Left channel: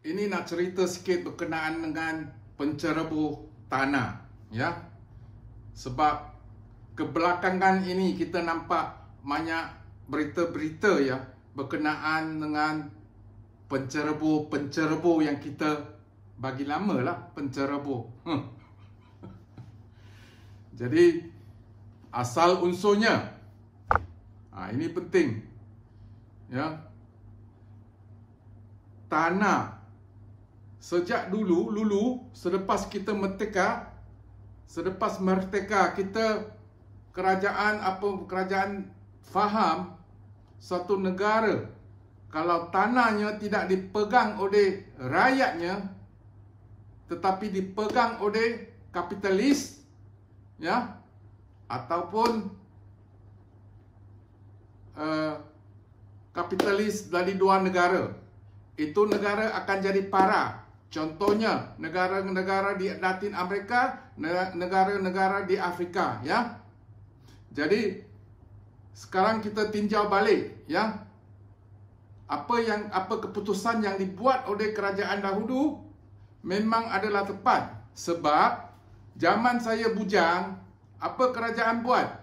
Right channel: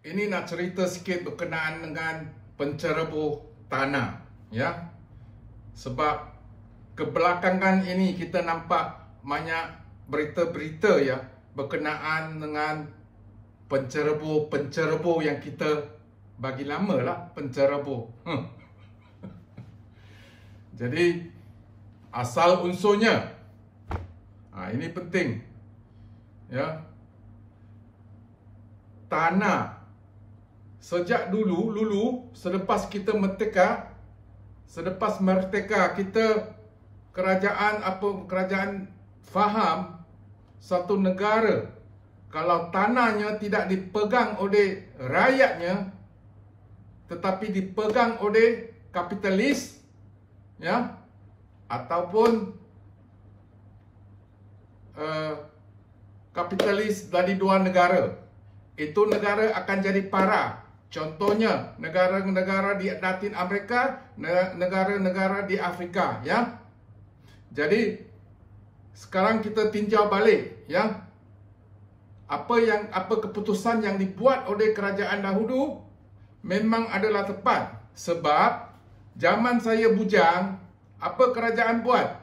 Ini nak cerita sikit berkenaan dengan penceroboh tanah, ya. Sebab kebelakangan ini kita nampak banyak berita-berita ya berkenaan dengan penceroboh yang kita bagi lama lah penceroboh. Jadi asal unsurnya, ini penting, ya. Tanah sejak dulu selepas kita merdeka kita kerajaan faham satu negara kalau tanahnya tidak dipegang oleh rakyatnya tetapi dipegang oleh kapitalis, ya, ataupun kapitalis dari dua negara, itu negara akan jadi parah. Contohnya negara-negara di Latin Amerika, negara-negara di Afrika, ya. Jadi sekarang kita tinjau balik, ya. Apa keputusan yang dibuat oleh kerajaan dahulu memang adalah tepat. Sebab zaman saya bujang, apa kerajaan buat?